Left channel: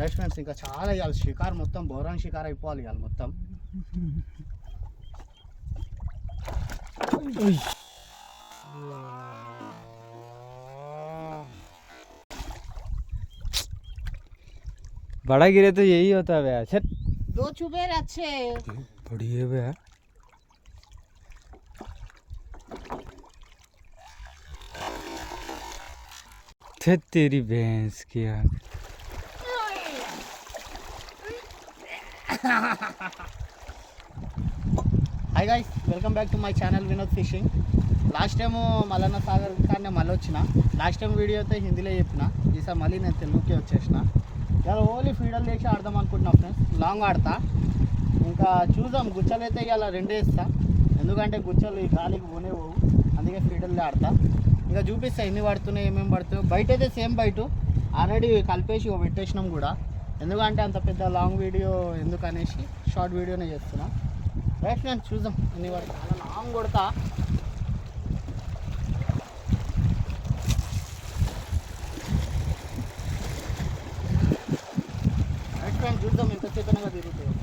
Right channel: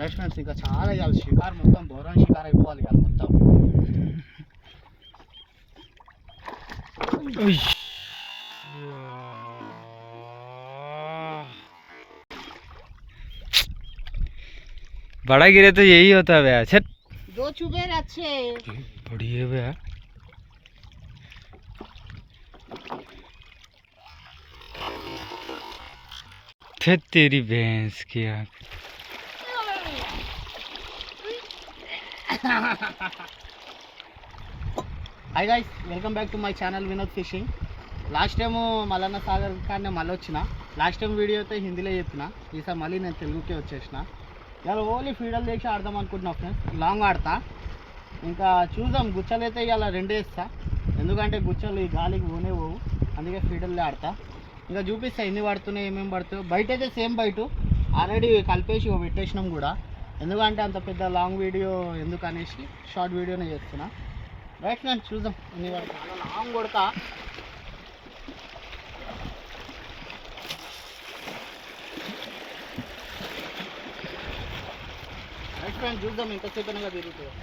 రెస్టారెంట్స్ ఇంకా చాలా ఇవ్వాలి. షికారు మొత్తం బోరాన్ షికారు అయిపోవాలి ఇవాళ మొత్తం. बड़ा गिरे तो यही होता है भैया। छट दो चुबेर अच्छे बड़ी है भैया। तेरी भैंस की आँख। Hi guys, welcome back to my channel Vinod fishing. Last time Mallanna సాగర్ కానీ మళ్ళీ వచ్చిన. లాస్ట్ టైం వీడియో అయితే హిందీలో చెప్పిన, ఈసారి మళ్ళీ నేను తెలుగుకే వచ్చేసిన. ఇవాళ ఓన్లీ ఫీడల్ చేసి ఆడదాం అనుకుంటున్నా ఫ్రెండ్స్. లాంగ్ ఆడతా, ఇంకా చూద్దాం. గుచ్చలు అయితే ఇవాళ రెండే ఇస్తా, ఎందుకంటే గుచ్చలు ఈ గాలికి పోనే పోవు, అందుకే ఫీడల్లే ఆడతా. ఇంకా చూపిస్తా ఎన్ని పడుతున్నాయి, ఏమేమి పడుతున్నాయి. బయట అయితే సేమ్ బయట ఆల్రెడీ కలిపేసి పెట్టేసినాం కూడా, ఎందుకంటే అంత పెద్ద లాంగ్ వీడియో ఎందుకు అనేసి షార్ట్ వీడియోనే చేస్తున్నా. రైట్ ఫ్రెండ్స్, చూద్దాం ఎన్ని పడుతుంది. చాలా లాంగ్ కొడతా. రైట్ ఫ్రెండ్స్, చూద్దాం ఎంతసేపు అనగా తిరుగుతుంది.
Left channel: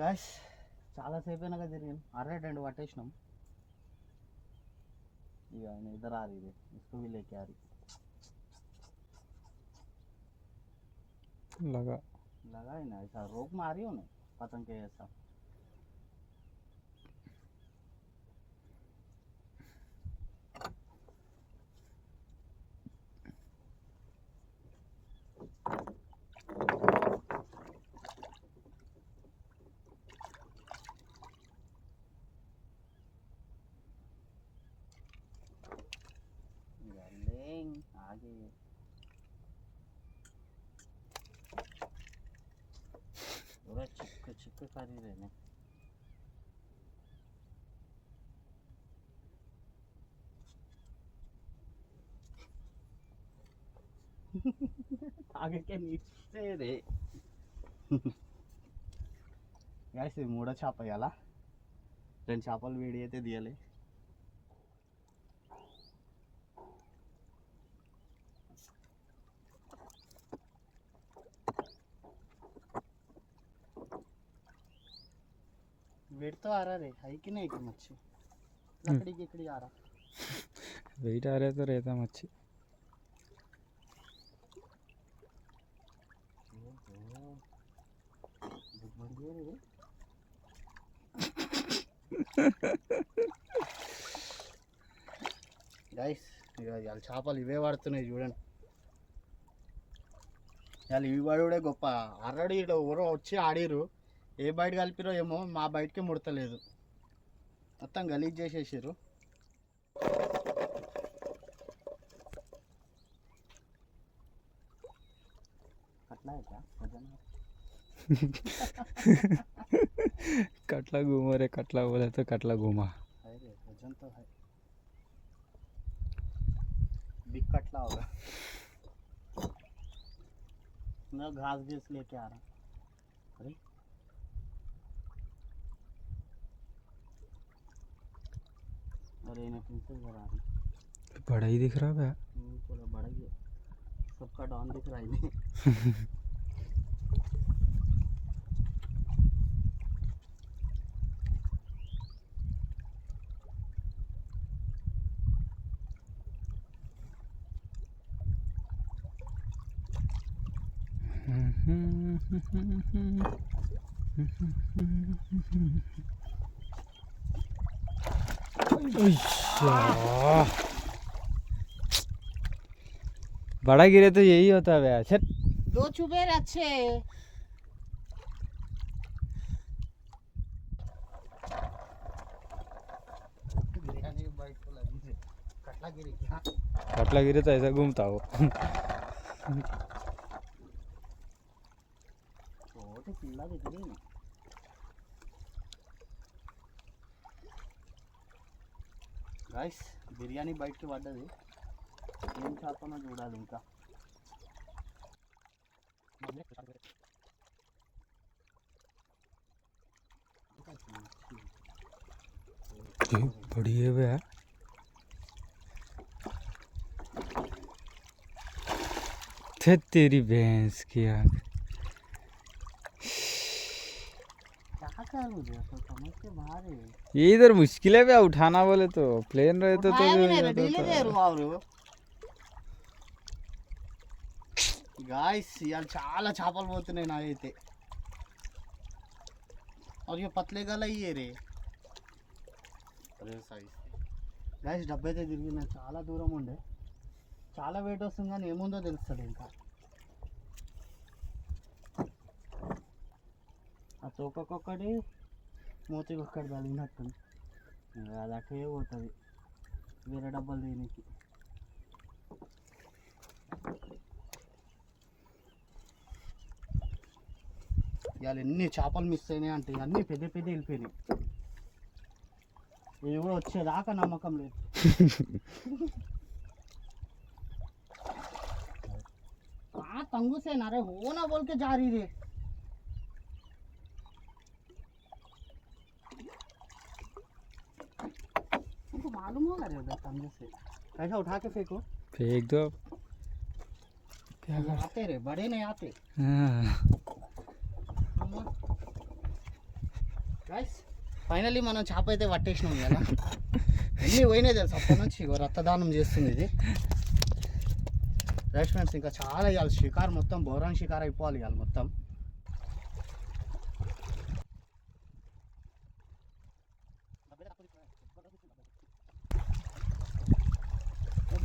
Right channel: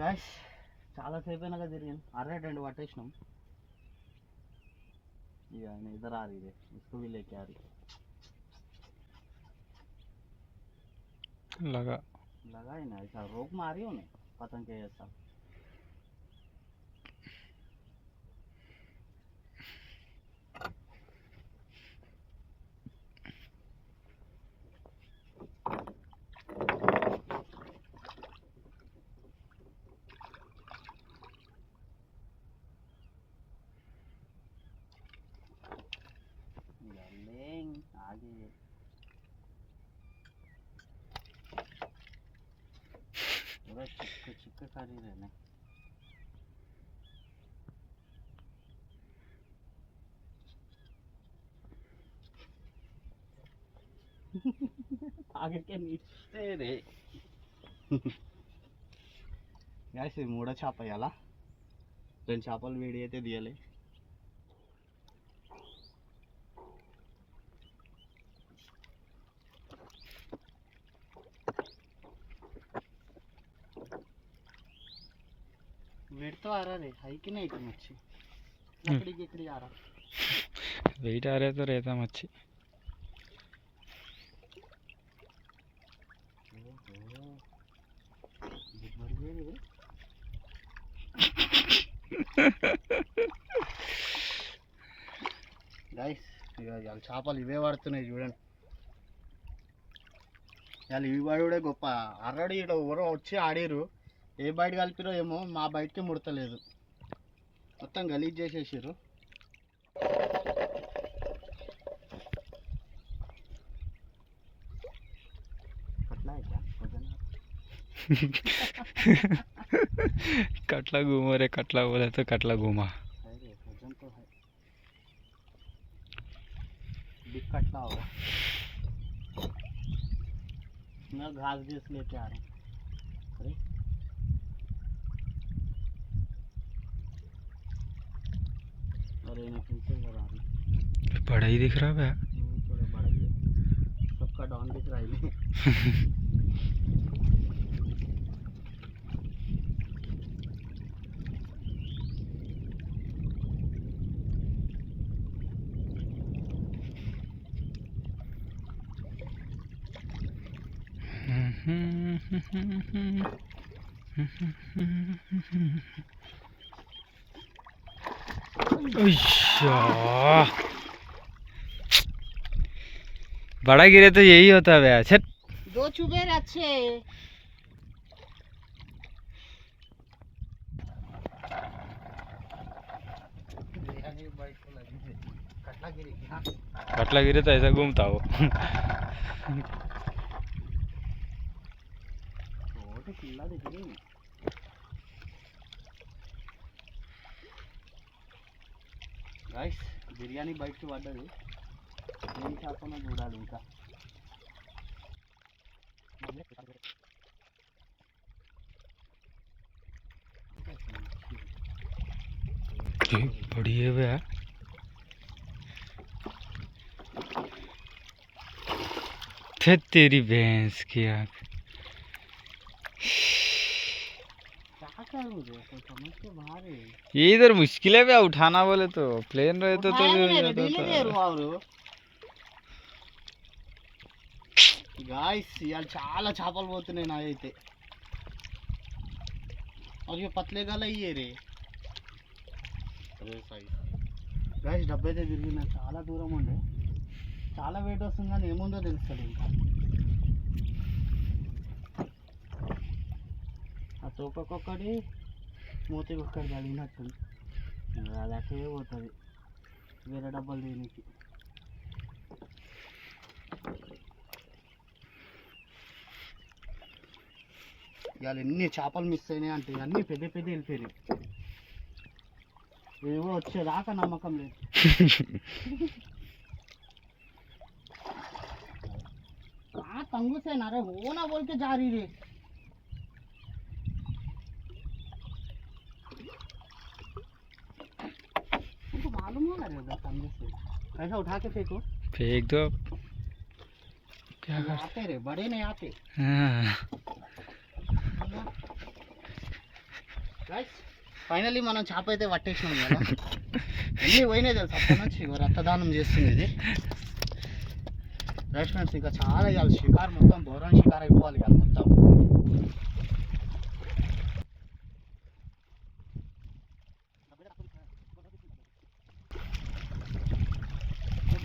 గాయ్స్, చాలాసేపు అయినాక తిరిగాను. రెండు పట్టేసినాం. ఇక ఆయన ఇద్దరు ఆరు, ఇది इसको भी लेके आ रही लगा ही ना, ऐसा रोक मारी उन्हें पतंग के जैसा. आगे पूरा चिपके चिपके कर ही रहने. आगे के नीचे रे. गाइस, మూడో చేప ఇయాల. రెండు చేపలు వేడి అయితే తీయాలి. वेट तो आ रहा रे, है कि नहीं कि मच्छी लकड़ी की आ रहा. वेट आ रहा है तो रहता मच्छी. గైస్, ఇవాళ చేపలు ఇవే పడుతున్నాయి చూడండి. ఇవాళ ఇవి పడుడే గొప్ప. ఆల్రెడీ ఇక్కడ ఎవరో వచ్చి ఆడిరు, ఏ బయట కలిపిరో ఏమో, మా బయటకే ముడతలేదు, మొత్తం గలీజ్ చేసేసారు. कटला घूमो रे, कटला बोला तो कटला घूमा. अरे वजन तो है, बिग कटला होगा. मैं घास घास लेके आ रहा हूँ. अरे और ये फिर से आ रही. बड़ा ही दिख रहा है. थोड़ा बड़ा ही है, सबका डॉन दिख रहा है. बड़ा गिरे तो यही होता है भैया. छट दो चुबेर अच्छे. कटला गिरे तो ऐसा घूमता हो. तो किल्ला दिख रही है. గాయ్స్ బిర్యానీ బయటికి పడ్డది, ఏం చేపనో చూడాలి ఇంకా. बड़ी है भैया। तेरी भैंस की आँख। क्या करूँ रे, तो समझ के बाहर है। ये इधर मुश्किल है भैया उठाना, बोले तो प्लेन रहे तो उठाया भी नहीं रे, जाता डीले था। दे रहा हूँ गाइस. ఇవాళ చాలా చేపలు పోతున్నాయి నాయైతే. और ये पतले गला ही है रे. అరే సైజ్ గాయ్స్, డబ్బు అయితే తిరిగిన చాలా దూరం ఉండే, చాలా వెయిట్ వస్తుంది కానీ ఏముందో తెలుస్తుంది ఇంకా. ఆ తోకొక్కడి మూతికి ఒక్కడి తగిలినట్టుంది, అది అటే పోతుంది వేరే డబ్బాలు దేనికి. ఇవాళ ఎన్ని చేపలు మిస్ అయినాయి అంటే అన్నీ పెద్ద పెద్ద వెళ్ళిపోయినాయి. ఇదిగో వచ్చేదాకా నమ్మకం లేదు. तंगू से ना रे, हो ना बोल के जा रही रे. तुमको मालूम होगा रे उधर तंगू से कैसा उठा के फेंको. फेंक दो, क्या कर आते रे, बड़े नहीं आते. गाइस ఫైనల్లీ మనం చేప అయితే పట్టేసినాం కదా. అన్నీ పోయినాయి తెలుసు అప్పటి నుంచి. రక్తదానం చేస్తుంది ఇది రెస్టారెంట్స్. ఇంకా చాలా ఇవాళ షికారు మొత్తం బోరాన్ షికారు అయిపోవాలి ఇవాళ మొత్తం.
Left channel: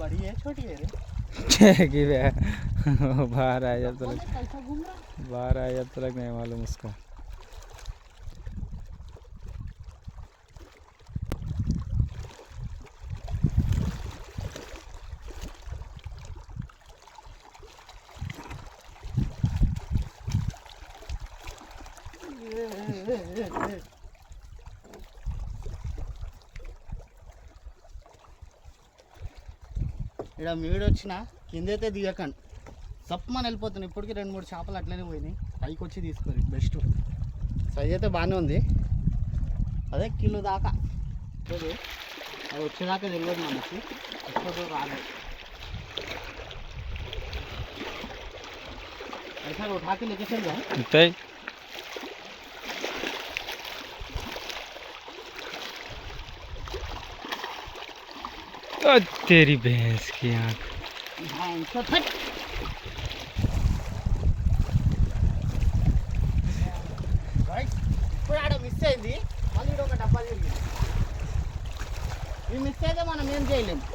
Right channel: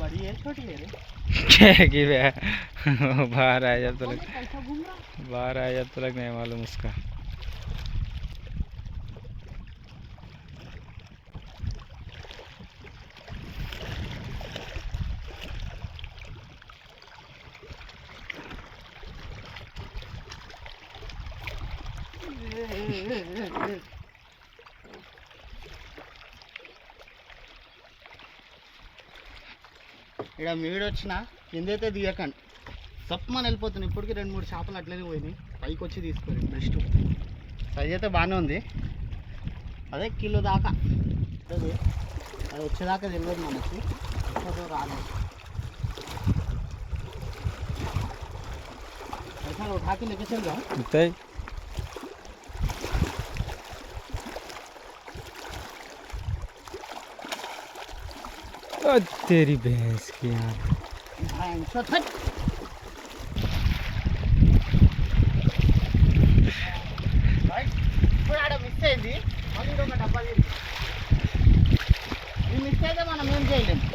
बड़ी है छोटी है रे. कि भैया बाहर आया जब तक, कैसा घूम रहा. बाहर आया जब तक नहीं मालूम उसका. ఇక్కడ మీడు వచ్చిన కిందైతే దిగకండి, సప్మని వెళ్ళిపోతున్నాయి. ఇప్పటికి 2-3 చేపలు అట్లనే పోయినాయి. పైకి వచ్చి తీసుకోండి బెస్ట్. సైజ్ అయితే బాగానే ఉంది, అదే కిలో దాకా అది వచ్చేదాకా తెలియదు మనకి, ఎక్కువ రాలేదు. ऐसा उठा के लेके चल जाओ. तेरी भैंस की आँख. ఇప్పుడు ఆడ మిస్ అయింది, మళ్ళీ ఒక డబ్బా ఈ మిస్ అయితే మనం ఏం చేయలేము.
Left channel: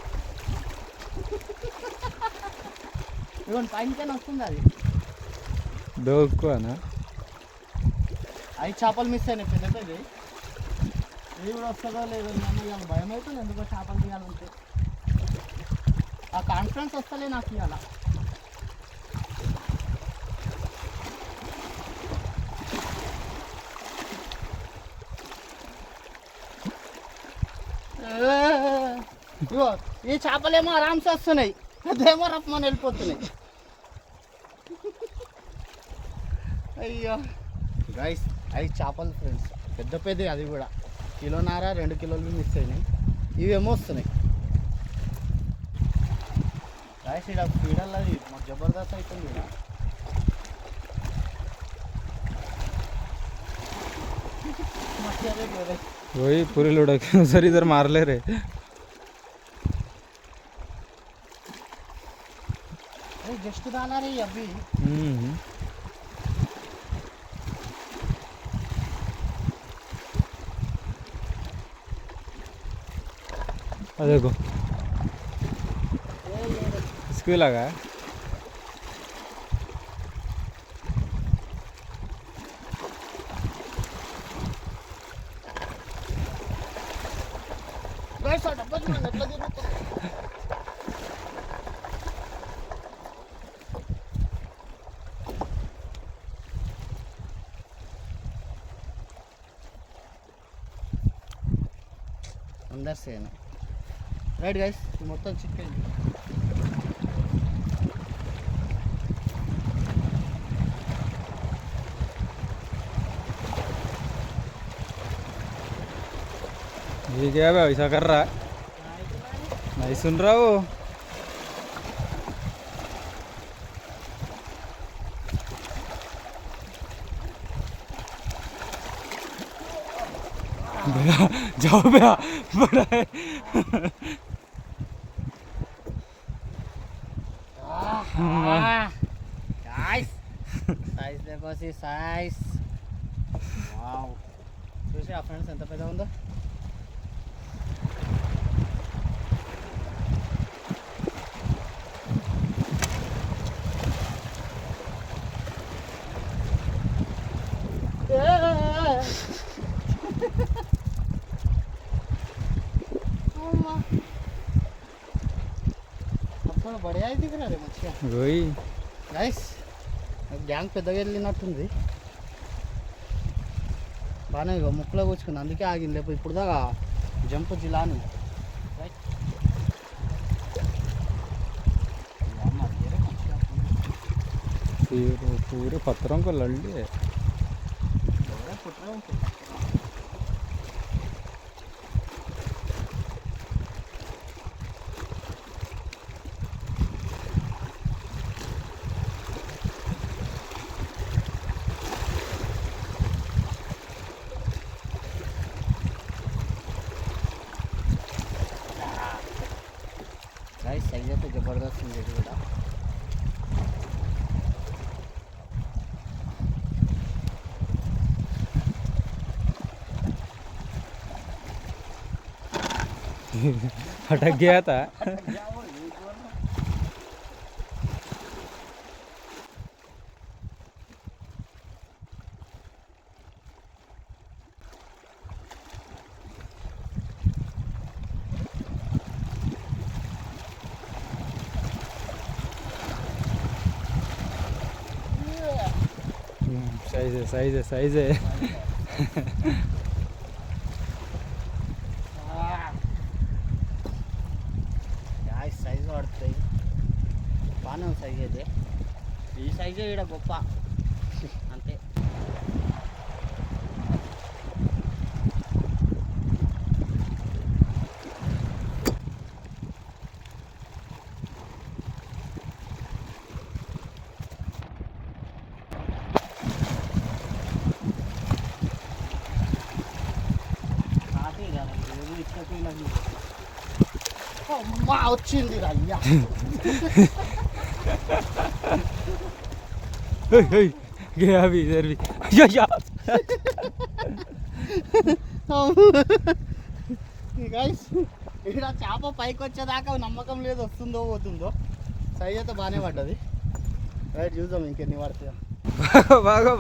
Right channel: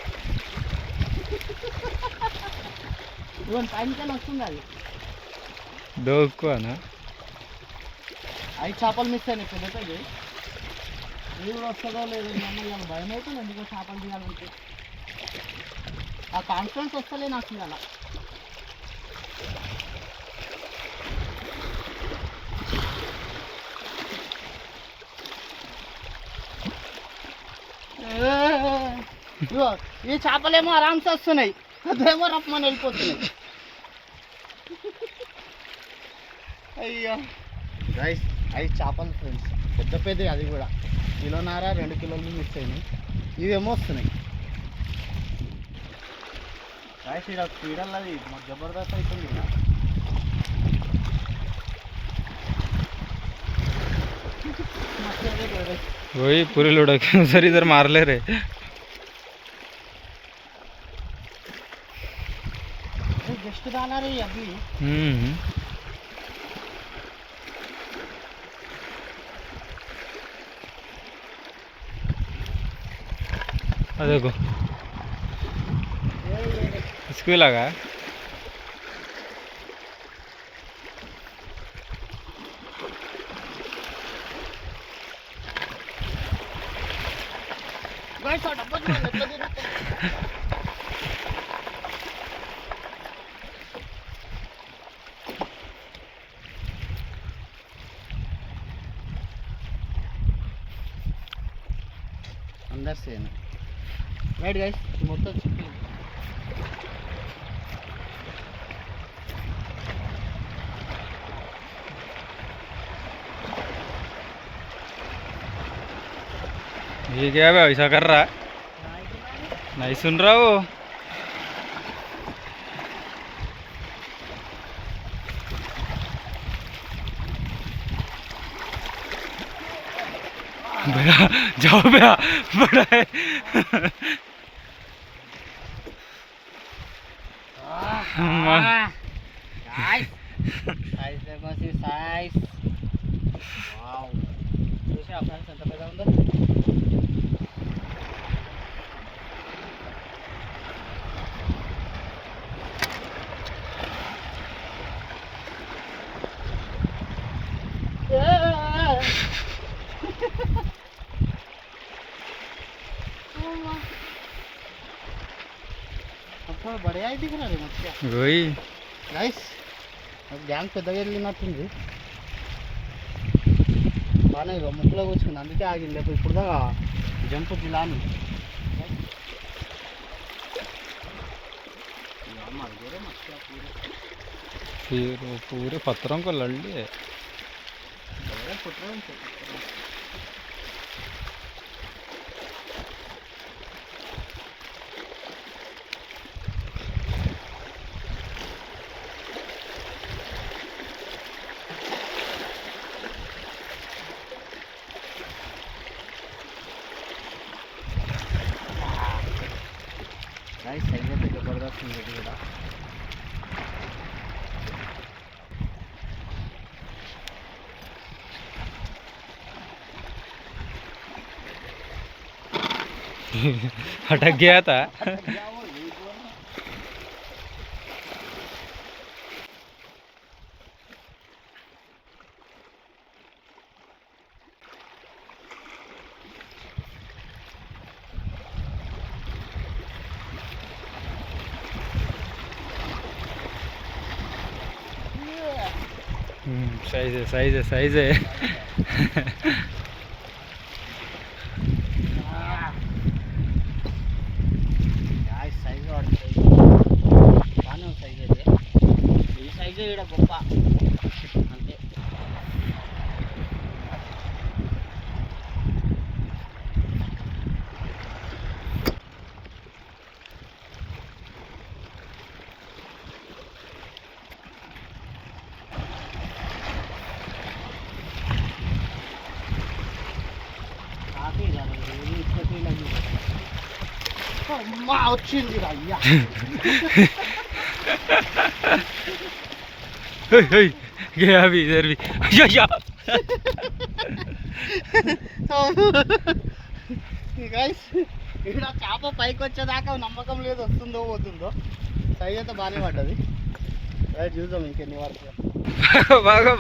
ఇవన్నీ పైన వస్తుంది అది. दो को ना 5 చేపలు మిస్ అయినాయి పెద్ద పెద్ద. ఇది కూడా వస్తుందో లేదో ఇవాళ భయం అవుతుంది. ఎందుకో చేపలు తీయాలంటే ఆ కాన్ఫిడెన్స్ వస్తలే నాకు ఇవాళ. ఇగో ఈ చేపలేమో ఆరామ్సే వస్తున్నాయి, అదేమో రప్పమని వెళ్ళిపోతున్నాయి. అయ్యో గైస్ 5 చేపలు ఫ్రెండ్స్, పెద్ద పెద్ద, అది కూడా 1.5 కిలోలు మిస్ అయినాయి. ఇవేమో వస్తున్నాయి గైస్. ఇక్కడ స్పీడల్ అది మాకు జబర్దస్త్ అవుతుంది. वही पूरे लुढ़क सर इधर मार ले रहे. जस्ट डाला रही अभी. देखो इसको लगा है. अंदर से ना రైట్ గైస్ మొత్తం చికెన్ ये क्या है ऐसा कर रहा है नहीं सुन रहा वो भैया जाओ भैया बड़ा है సైజ్ సైజ్ देखो సైజ్ వావ్ చూసి ఆ ఫ్రెండ్స్ ఎంత పెద్దగా ఉందో అప్పుడు బడియా ఇది కూడా రే మచ్చా वही గైస్ గ్యాంగ్ పెద్దగా వెళ్ళినట్టుంది బాగానే ఇక ముక్కులో కూర్చుకుంది అందుకే ఆగింది లేకపోతే ఇప్పుడు దాకా జంపు జిలాని फिर वो पूरे पत्थरों को लड़ लिए गाइस सही है तो जबरदस्त है बेटा अटक गया था साइज है साइज है गाइस సైజ్ వాడుతుంది బాగానే సైజ్ అయితే ఈ సైజే ఇక్కడ గొప్ప అంతే అమ్మా వచ్చింది అయ్యా गया भी इधर भी या గైస్ ఇక్కడ చేప పైకి వచ్చేదాకా నమ్మకం లేదు వస్తుందో పోతుందో సైజ్ అయితే బాగానే పడ్డది రైట్ చూద్దాం ఇంకెన్ని వరకు भागो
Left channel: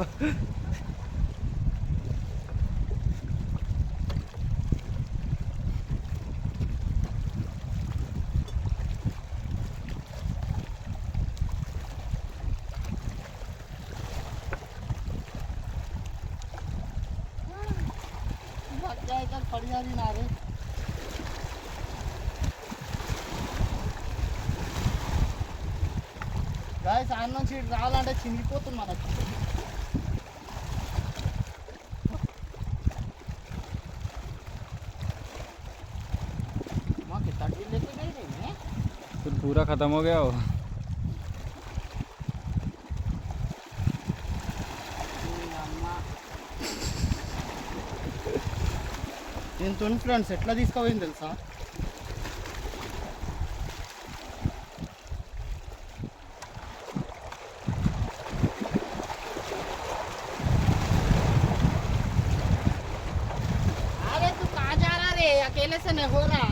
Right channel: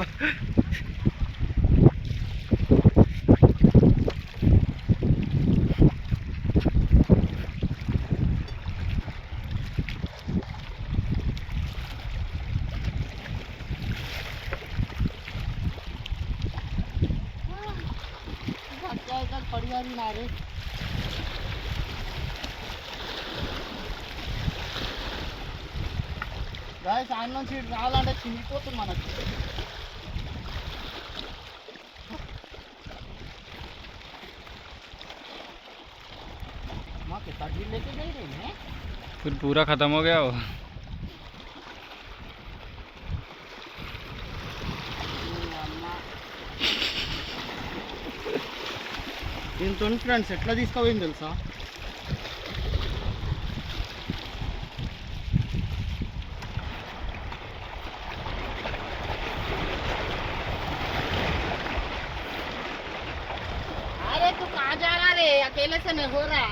పడిగా నారే గాయస్ ఆయన నుంచి ఇటు రావాలంటే చినిగిపోతుంది మనకి మాకు తగ్గి లేకే नहीं रही है फिर पूरा खत्म हो गया वो దీంతో ఫ్రెండ్స్ ఎట్లా తీసుకోపోయింది తెలుసా अरे तू कहाँ जा रहा रे अकेले से नहीं हो रहा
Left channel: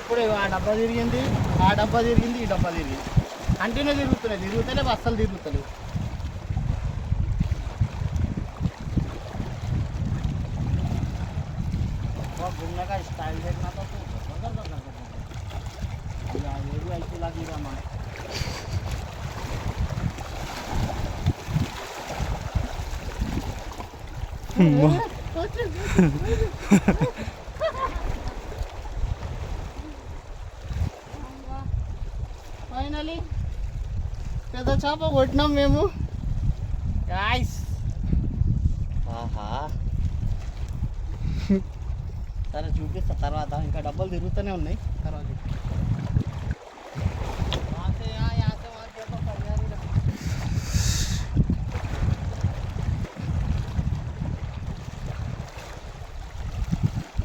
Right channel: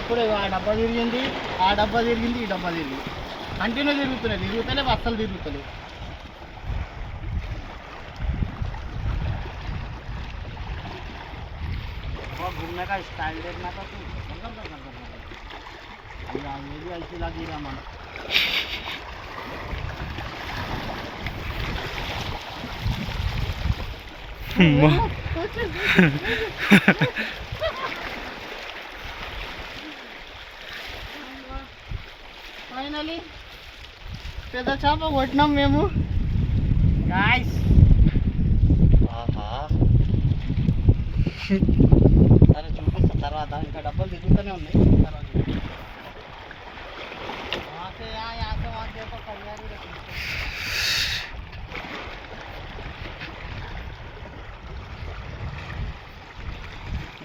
ఇప్పుడు ఆ డబ్బా తిరిగింది ఆ డబ్బా తిరిగింది ఈ డబ్బా తిరిగింది కంటిన్యూ తిరుగుతలే అస్సలు తిరుగుతలే घूमने का स्टाइल देखना था तू ये भी ऐसी लगी रहा मन ఫైనలీ పెద్ద చేప కొట్టినాం మేము గాయ్స్. ఆహా సరే చూపిస్తా తర్వాత, ఇంకా డబ్బాలు తిరుగుతూనే ఉన్నాయి తర్వాత చూపిస్తా.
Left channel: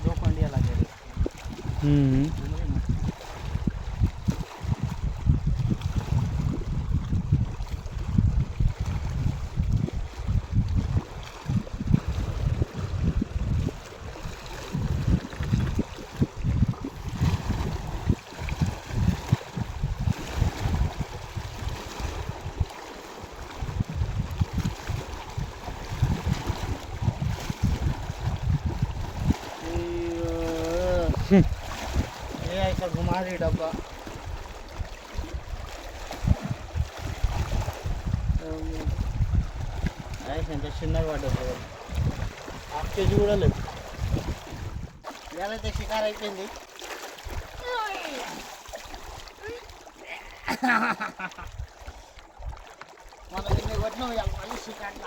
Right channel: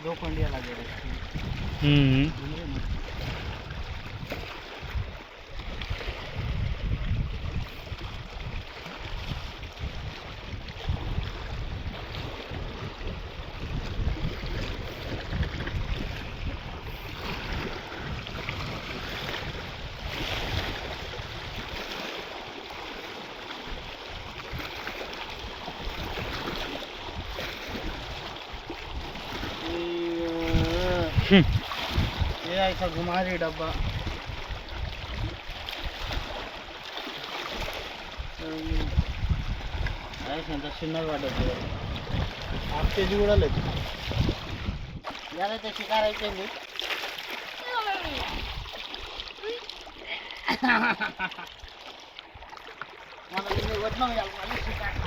दो कंडिया लगे ये ऐसा घुमा रही डब्बा. ఎంత చిన్నగా పడ్డది, హాఫ్ కేజీ కూడా లేదు. ఇవాళైతే షికారు అయిపోయింది. మన నిన్న కొట్టినాం ఇవాళ మళ్ళీ షికారు.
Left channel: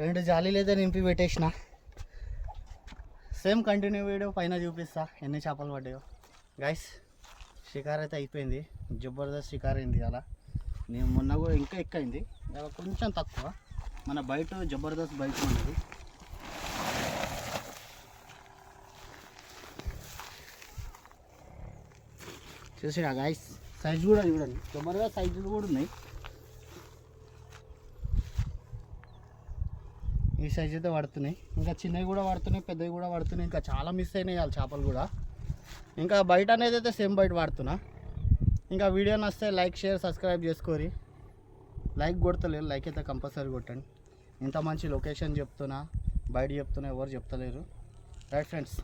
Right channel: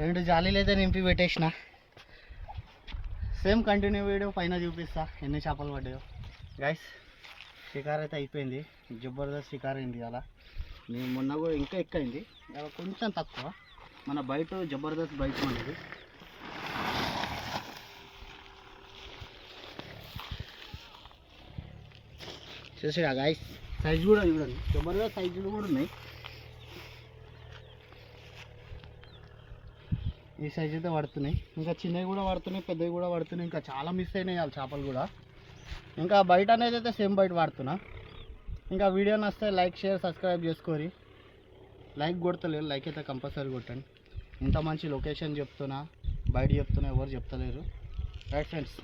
రెండు జాలీలు అయితే నింపి పెట్టేసిన. సేమ్ కంటిన్యూ వీడియో పైన చూపిస్తా ఎన్ని చేపలు పడ్డాయో. గైస్ షికార్ అయితే అయిపోయింది, జబర్దస్త్ షికార్ అయింది అలా. నేను మొన్న కూడా ఇంకా ఎక్కువైంది, అలా కొంచెం తక్కువ. మన బయట జబర్దస్త్ బయట ఉన్నది. చూసిగా గైస్, సైజు కూడా చూడండి, జబర్దస్త్ సైజులు కూడా ఉన్నాయి. ఈ సైజు అయితే పడుతున్నాయి, ఇంకా చిన్నవి కూడా పడుతున్నాయి, పెద్దవి కూడా పడుతున్నాయి. ఇంకా చాలా మిస్ అయినాయి వాళ్ళ చేపలు కూడా. ఇంకా బయట అనేది అయితే సేమ్ బయట వాడుతున్నా. ఇంకా వీడియో నచ్చితే లైక్ షేర్ సబ్స్క్రైబ్ చేసుకోరి. లైక్ కొడతలేరు, లైక్ అయితే కంపల్సరీ కొట్టండి. ఇంత మంచి లొకేషన్ చెప్తున్నా, బయట చెప్తున్నా, ఎవరు చెప్తలేరు. Right friends.